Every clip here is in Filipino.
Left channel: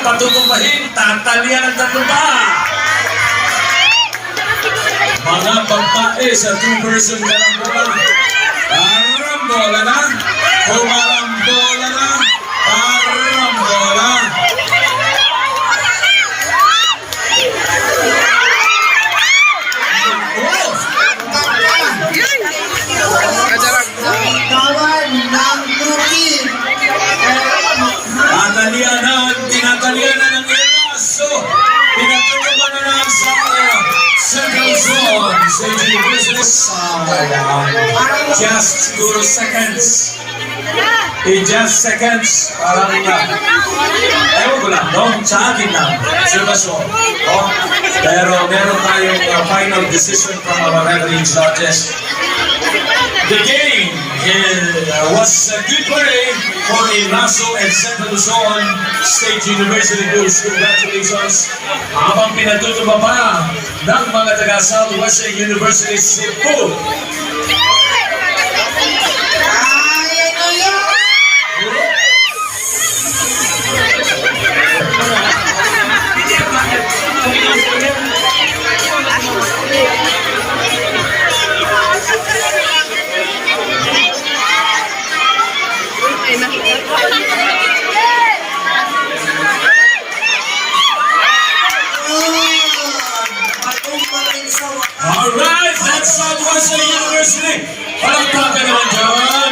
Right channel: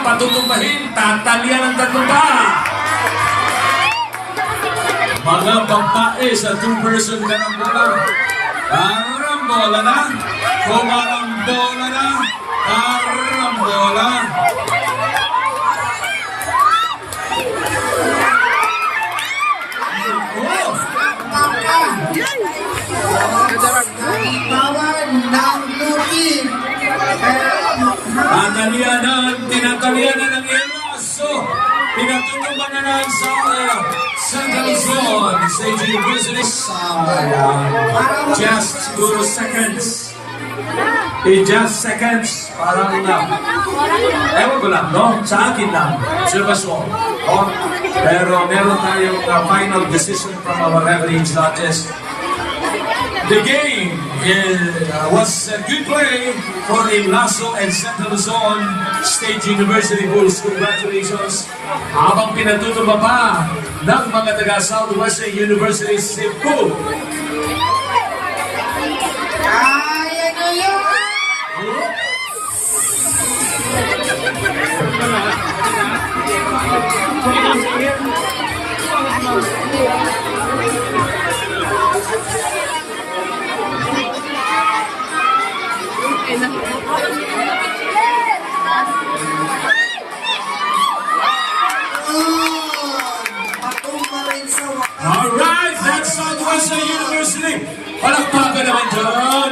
patutumbahin, tatalyan ang tatumba. Mga babae sa two-person karambola. Karambola na, kumarambola na, karambola. Tinatalianan ng Eraso. Tinatulungan na ng Central Zone. Staging business. Just siguro seconds. In just seconds. Parang ewan ko lang, no? Sa akin lang. Sirvasyon. No? Pero meron tayong final decision from our referee judges. The game was a good play for Eraso and Central Luzon State University Bulls. Congratulations! Habang pinatutuba pa ng mga taga Southwestern University Cebu. Alright, that's Southwestern University. Palakpakan naman dyan.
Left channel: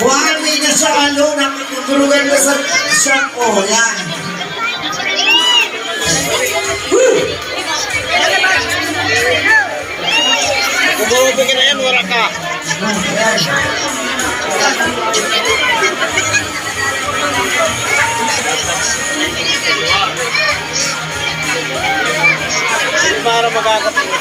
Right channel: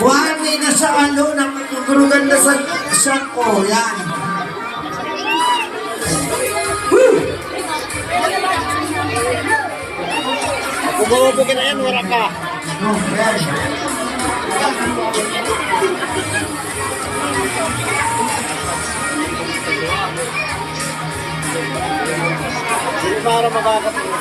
Buhay na sa ano, nakatuturugan na sa siyako. Yan. Kumarobe ka na yan, wala ka. Para magkakatingin.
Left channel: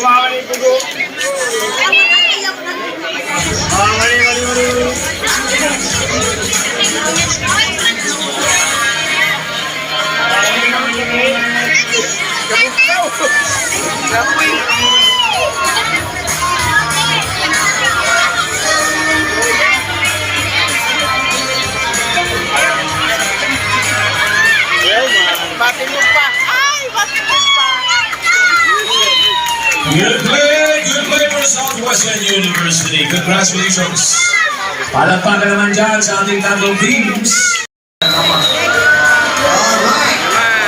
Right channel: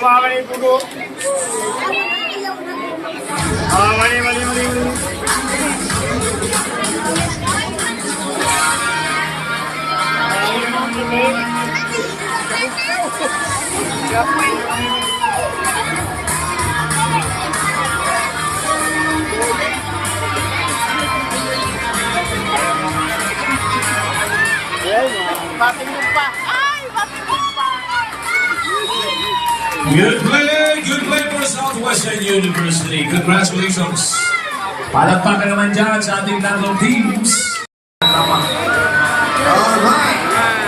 Mali. Batin mo pa. Ay, batin mo pa. Good play for Southwestern University. Congratulations. Palakpakan naman dyan sa ating tatlong teams.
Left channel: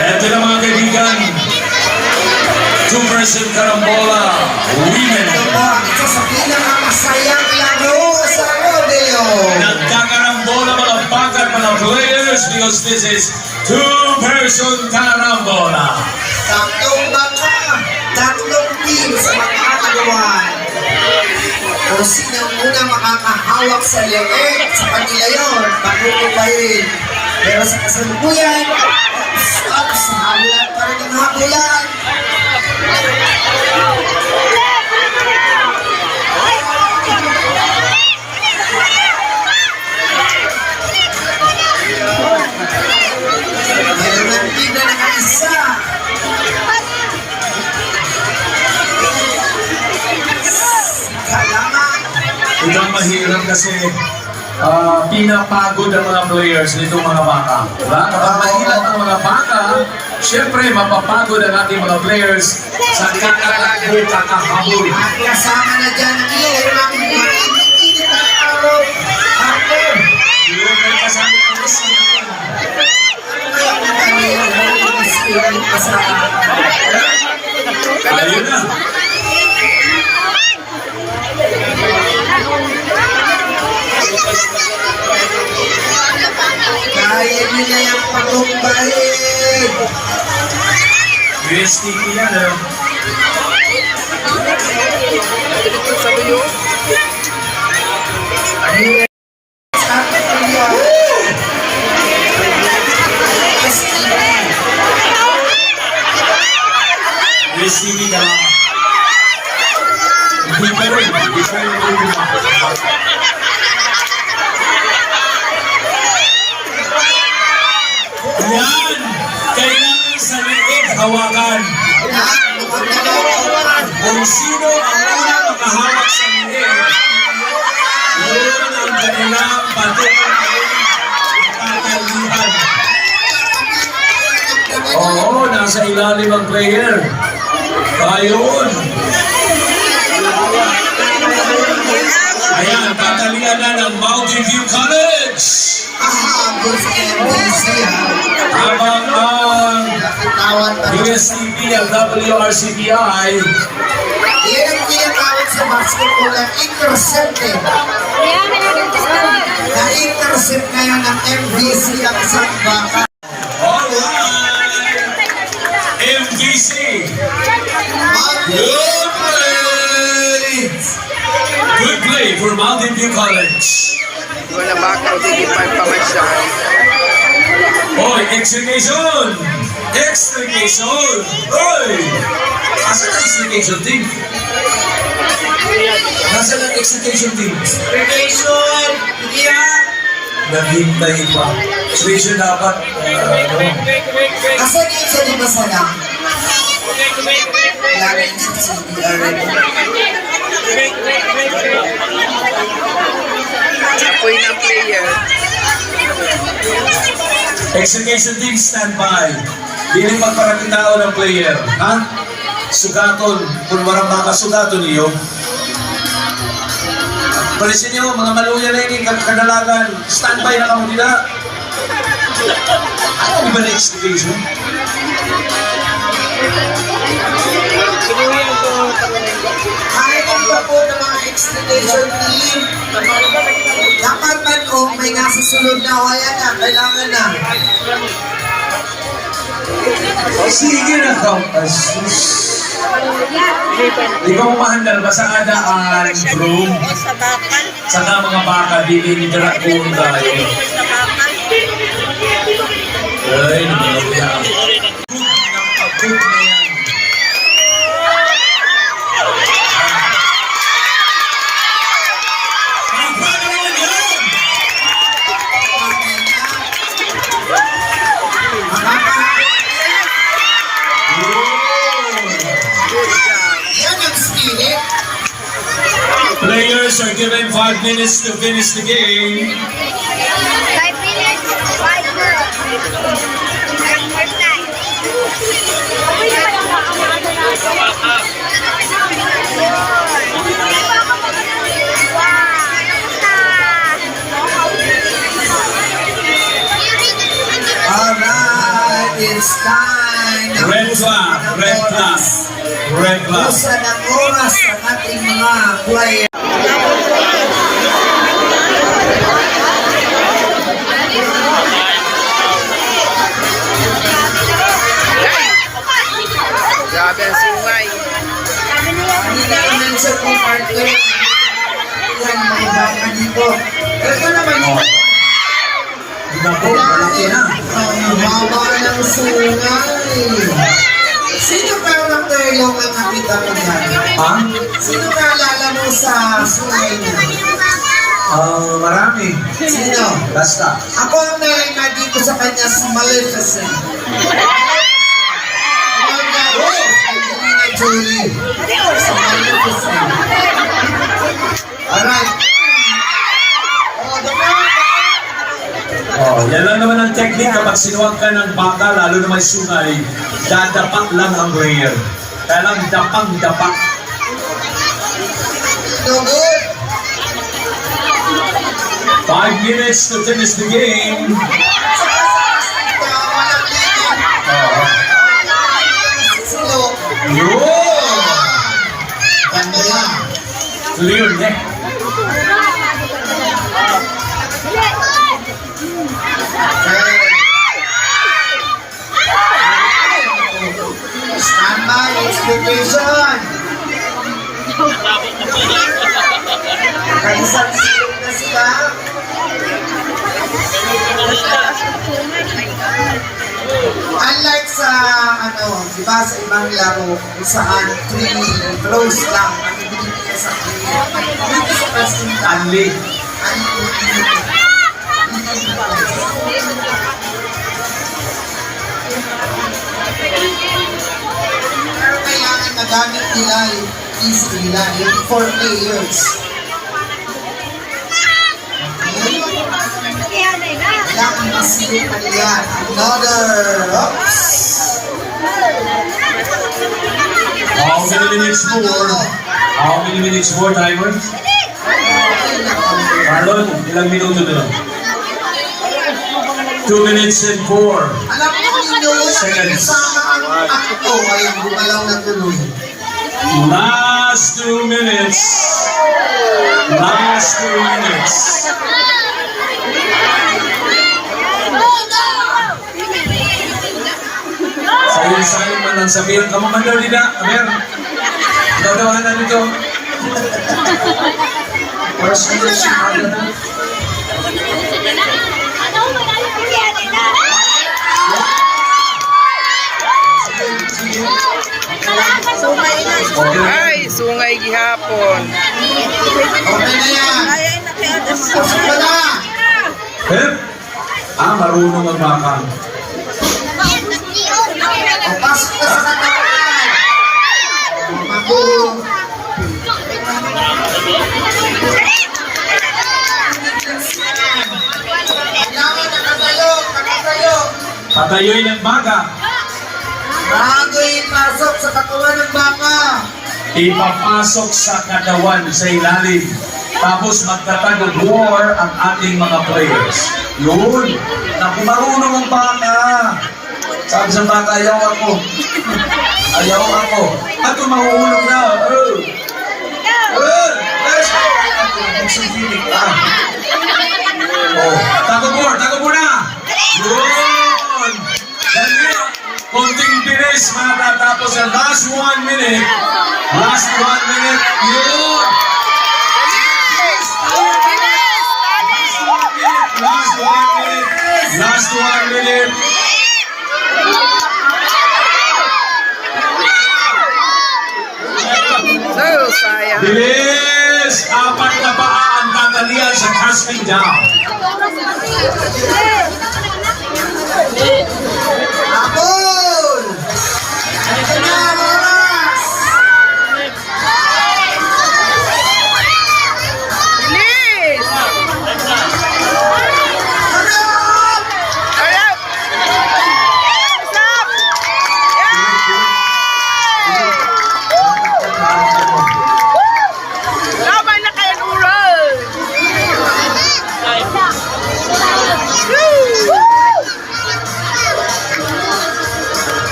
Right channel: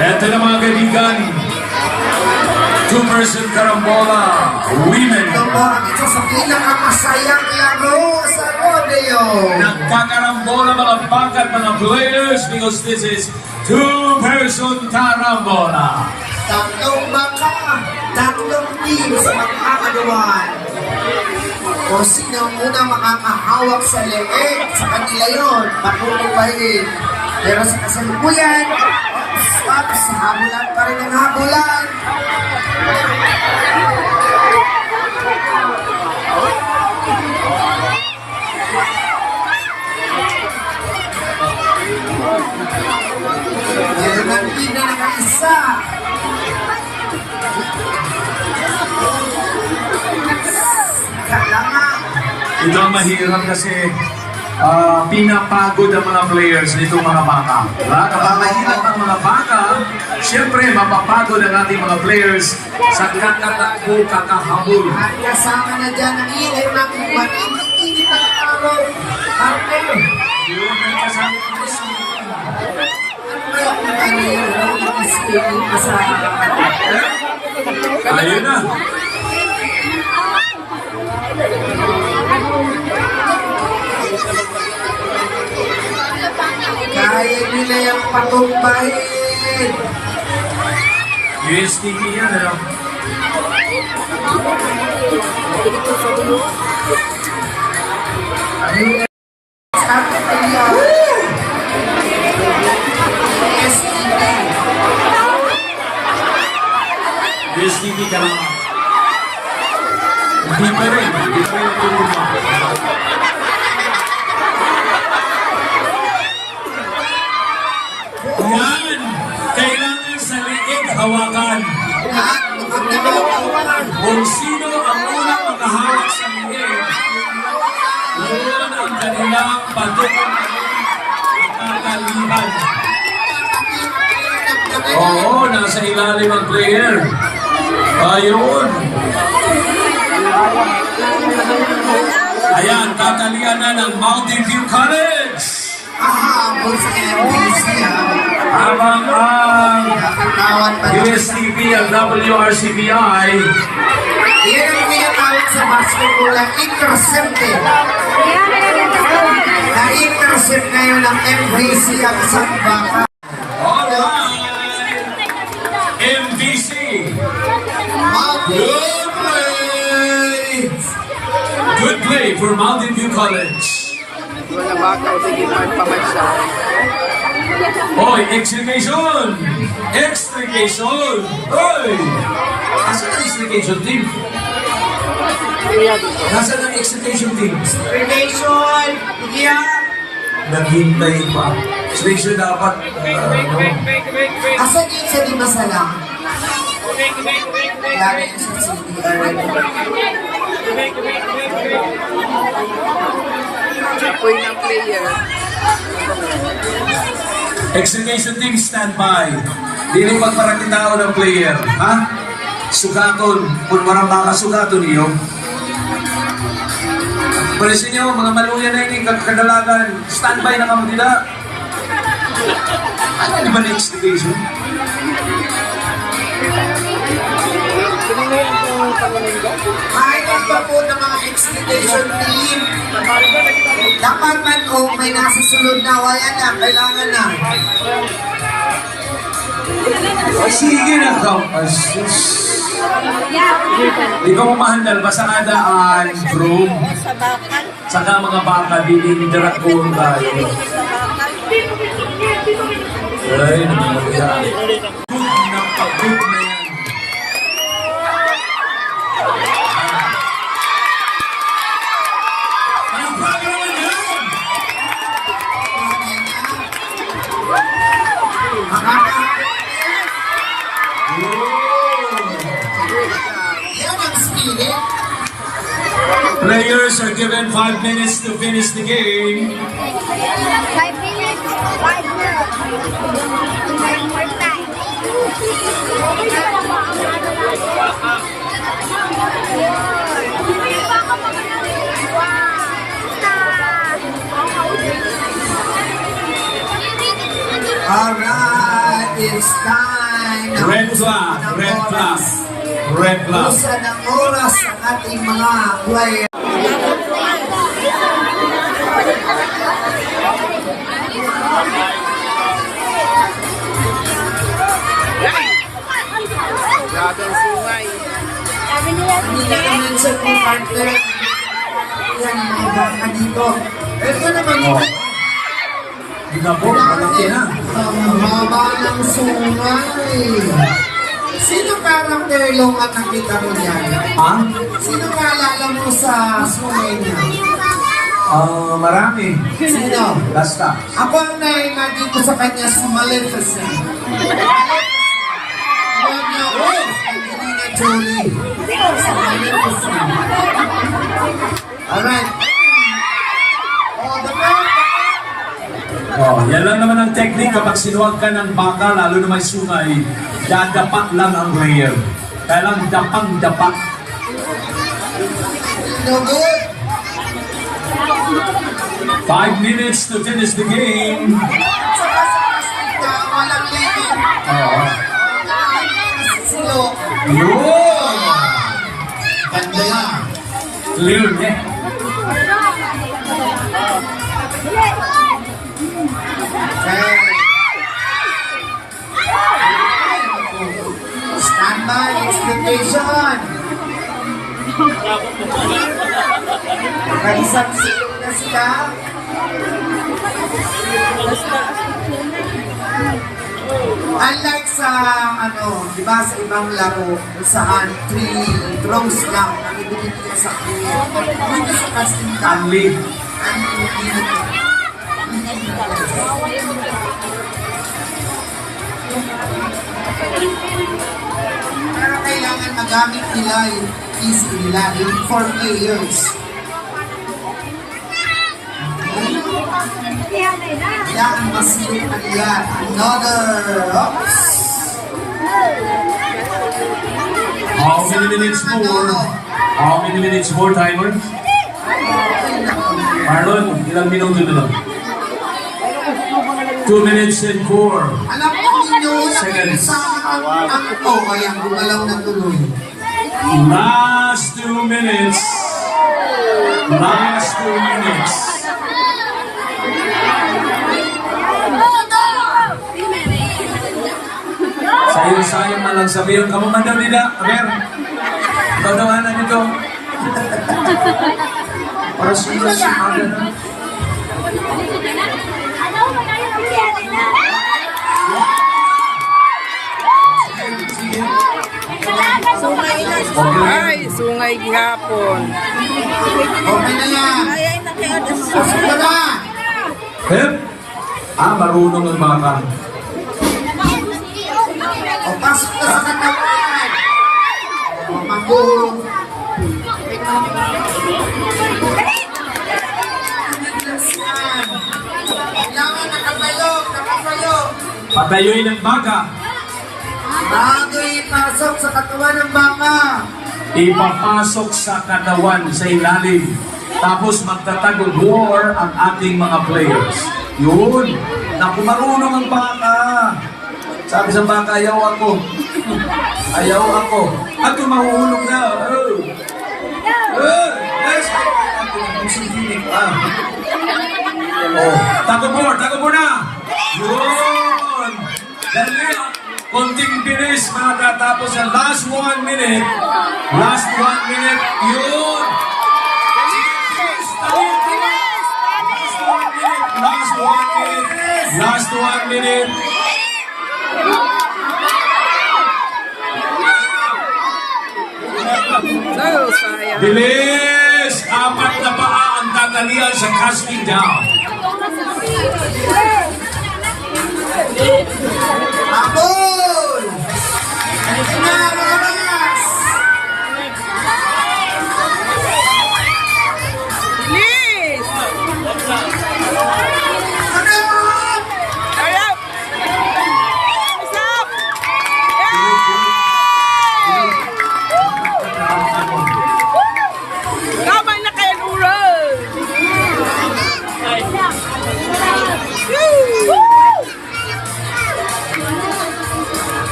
Ito na mga kaibigan. Two-person karambola. Women. Ito sa pinakamasayang laro sa rodeo. Nagkakarambola mga bagat mga players because this is two-person karambola. Tatlong baka, tatlong team sa magkakagawan. Kung sino muna makakahawak sa leeg, sa kanila yun, patutubahin. Pero sa kasalukuyan, sa habulan pa rin ang habulan. Meron ng team na nakaisa. Ito ang mahirap kasi pinapagod ang mga players nitong mga baka. Diba? Kapag mahirap ang mga baka, siyempre mapapagod ang ating mga players sa kakatakbo, kakahabol. At kasama na dyan ang iyo ng mainit na araw. Partner! Yun ang kasama ko na siya. Kaya kung ano yung kasama. Ayun na. Kaya nila yung patumbahin. USTV yan, ano? Dito sa dulo. Started to your USTV ka lang. Hindi pa rin. Hindi pa rin yung yan! Kailangan sa leeg hawakan. Kung sino ang una makahawak sa leeg, yun ang kanilang patuloy kakalihan. Oo, nasa ilalim ang player. Ayun. Ayan, patalian na ng Mountain View College. Habang ang USTV at WRCBI Yan ang tinatawag sa basketball ang intercepted. Na-intercept ngayon ng MVC ang isang baka. Alright! MVC! Good play! Good play for Mountain View College. Doon na baka o sige pamasyal. Hoy, extrication! Extrication! Hoy! Asan ang extrication team? Nasaan ang extrication team? Relation! Yan! Naghintay pa. Extrication dapat, ano? Asan yun sa di masala? Lagi yun sa CDR. Apoy ng player. Extrication team standby. Dili pagparami tao ng player. Ha? Sugaton. Kung marang baka sugaton niyo. Tulisin niyo, mga maluya na yun, kadalagan. Standby na kami nila. Ano ba na extrication? Kailan pa po ng mga extradition team? Dapat man kung may nasa sunod na wala na, kailangan na. Sige na ka. Asus. Di ka umahandal ba sa adaan, bro? Sa bakal. Saka mga baka, dinidrak ko tayo. Sa bakal. Ay, nagmaluya. Good na pag-good na yan. Good job. Yan ang spirit. Players are given 5 minutes to finish the game. 5 minutes, 5 minutes. Alright, it's time. Red flag, red flag, red flag. Usan ang oras ng ating mga player. Yay! Grabe ang sungay. Hindi na na-mention kung partner. Yan, mga baka dito. Ito naman Oh. Ginabo, malaki na. ang haba ng sungay. Sino character long ang nakita mo yan? Ha? Sino kaalala mo sa sungay niya? Marami. Sino? Basta. Ako ang naima dito sa kanya si Maleficent. Angelina Jolie. Si Maleficent. Alright. Oh, the first. Oh, yan lang naman ang technique kapag sinuwag ka ng baka, lalo na may sungay, dadapak lang ang player. Kaya lang dapang-dapak. No good. 5 minutes to finish the game. Walang leading. Oh. Silo. Yun! Ganda yan. Clear net. Standby, expectation. Kaisang silog na sila. Unlike sa, di ba sa ibang laro, kung saan 3 throws lang ang ibinibigay sa player. Dito sa casting Anli. Pero kailangan magamit nila yung easy nila, yung 4 players. Kailangan masilip na nila. Another, oops! How many minutes more? How many minutes more, timer? Marlon, ilang minuto na lang? 2 minutes and 4. Alam mo ninyo, Seconds. kasama ang kaya gumalaw na tuloy. Last 2 minutes. Last 2 minutes. Sayo-sayo man lang sabihin. Kamamadaw nila. Aber. Tatawanan nito. Para sa inyo si Aga na. Ay, sungay gihapon. Okay na yan. Pasok ka na. Pep. Marunong ang baka. O, pasok ka sa katawan. O, mag-uhong. Kailangan nakatayo, nakatayo. Patayoy ng baka. Bago ipasok sa katawan ng baka. Ipapasok sa katawan sa ilalim. Tapos magtatag of war ang ating mga players. Yun. Naku, marunong ang baka. Sabi sa baka, ayaw ako. Ayaw ako. At kung mahuhulog na. Oh. Oh. Let's Oh. Tago-board na. Yun. Dali. Konting bilis, matatapos ang last 1 minute. Last 1 minute. Yun. Last 1 minute. Last 1 minute. So, sayang. Bilis! 4 na paa ang tatalian sa casting down. Abol! Ito na ang oras! Bilis! Hanap! Arap! What's up? Laban na kayo, Nural!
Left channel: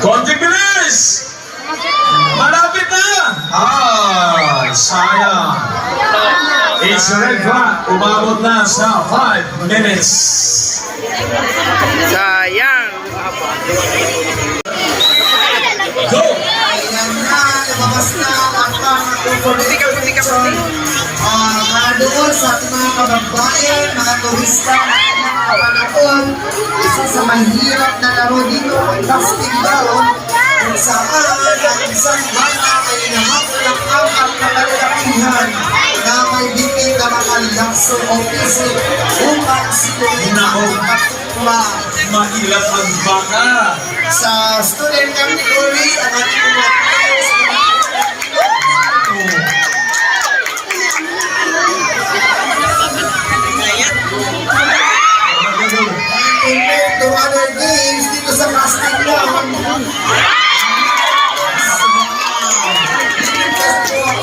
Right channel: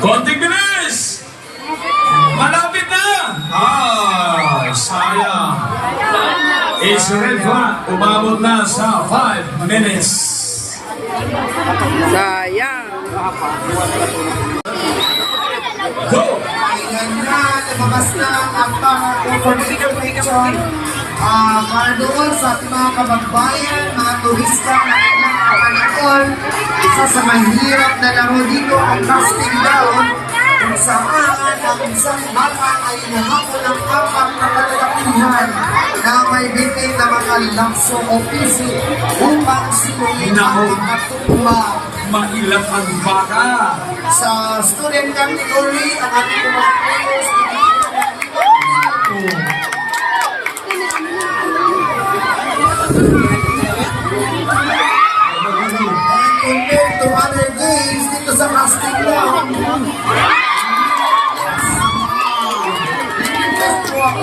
Konting bilis! Malapit na! Sayang. It's red flag. Umabot na sa 5 minutes. Sayang. Go! Ayan na, lumabas na ang mga Puti ka, puti ka, puti. Mga doon sa ating mga kababayan, mga turista, mga kapanaon, isa sa mahirap na laro dito ang casting down, kung saan ang isang bata ay nahapon ng 4 na kalalakihan na may bitin na mga lakso o pisik upang silungin ang Nako. mga kapwa. Mailap ang baka. Sa student category, ang ating mga players compared to other games dito sa casting down.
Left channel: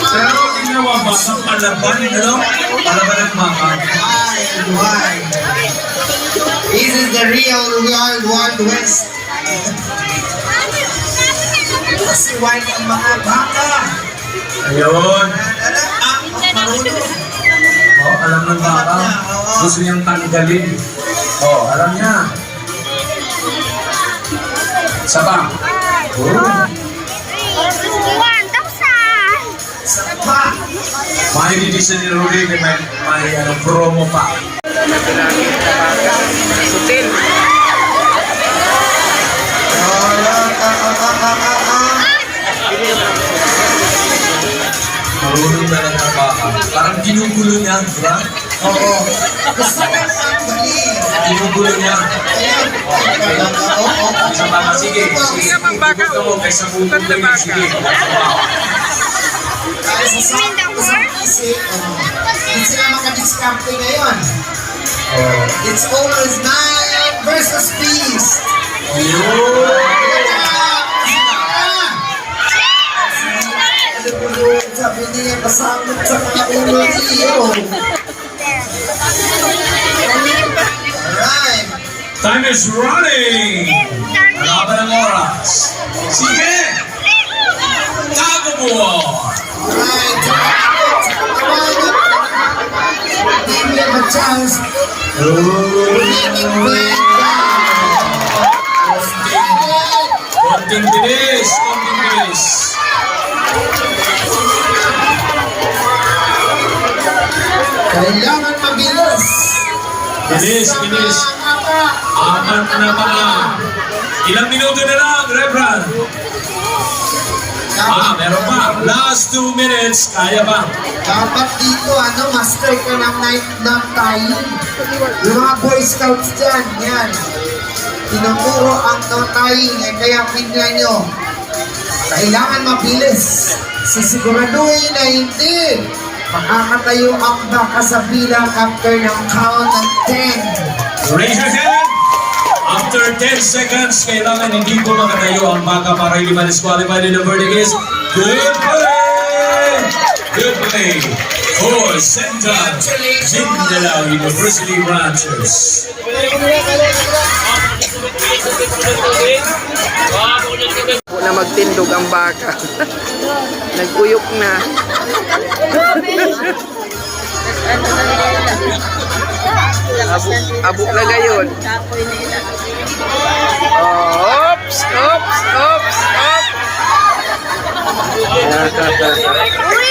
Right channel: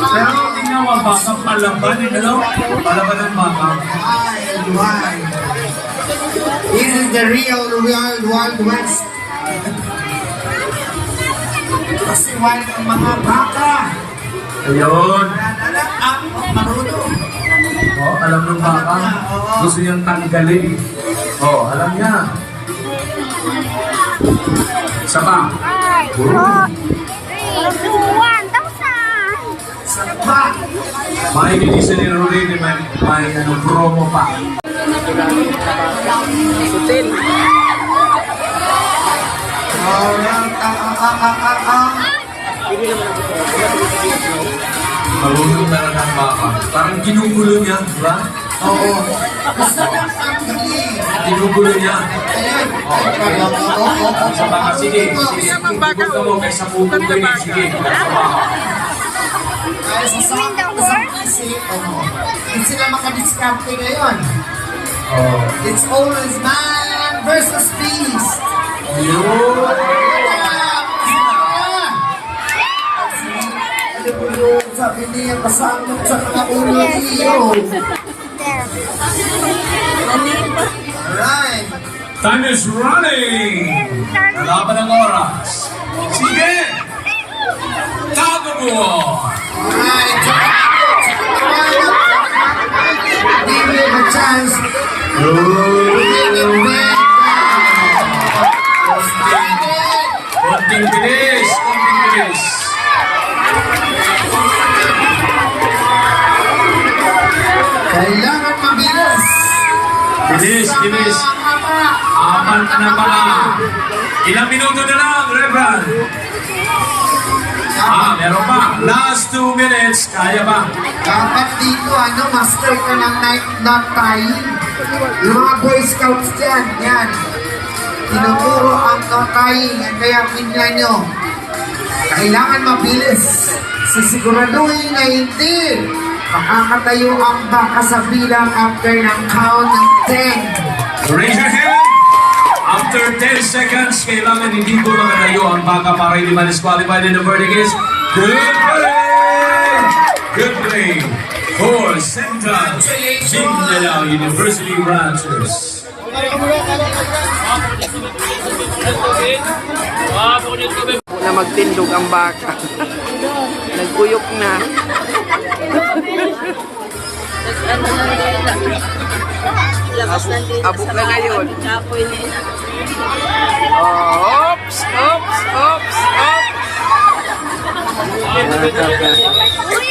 Pero ginawa ba sa palaban? Ano? Palaban ng baka. Why? This is the real Wild West. Kasi wild ang mga baka. Ayun. Marunong. Oh, alam ng baka. Gusto niyang tanggalin. Oh, alam niya. Isa pa. Oh. 1,000. Sapa. Mainidisan ni Rudy may promo pa. Bilangin sa bata. Hotel. Marunong na lang ang baka. Parang ginugulo niya, di ba? Oo. Gusto ko ang galing. Ginugulo niya. Ayan. Oo. Sa baka, sige. Hindi naman baka, Huwag ka mo, kaysa bubog Ganda na baka. Sige. Kaya sa isip, hindi sila makadiskarte ngayon. Oh. It's always man versus beast. Sabi niya, kasama sa mga ulo niyo. Alright. Time is running! Laban ng oras. Sige! Tago mo! Alright. Give them a chance. Bring it back down. Konting bilis! Konting bilis! Kailangan mabilis. Bilis, bilis! Aman na mga! Ilang minuto na lang, Reverend? Meron pa. Last 2 minutes. Kaya ba? Dapat dito, master ka ng night nap time. Yung mga Boy Scouts dyan, yan. Tinuturo ang no tying, kaya pinya nyo. Kailangan mabilis. Sisiguraduhin na hindi makakatayo ang baka sa bilang after ng count ng 10. Raise your hand. After 10 seconds, kailangan hindi ko makatayo ang baka para hindi ma-disqualified in the verdict is good play! Good play for Central Mindanao University Ranchers. Po na magtindog ang baka. Naguyok na. Abok na ngayon. Oops! Oops! Oops! Oops!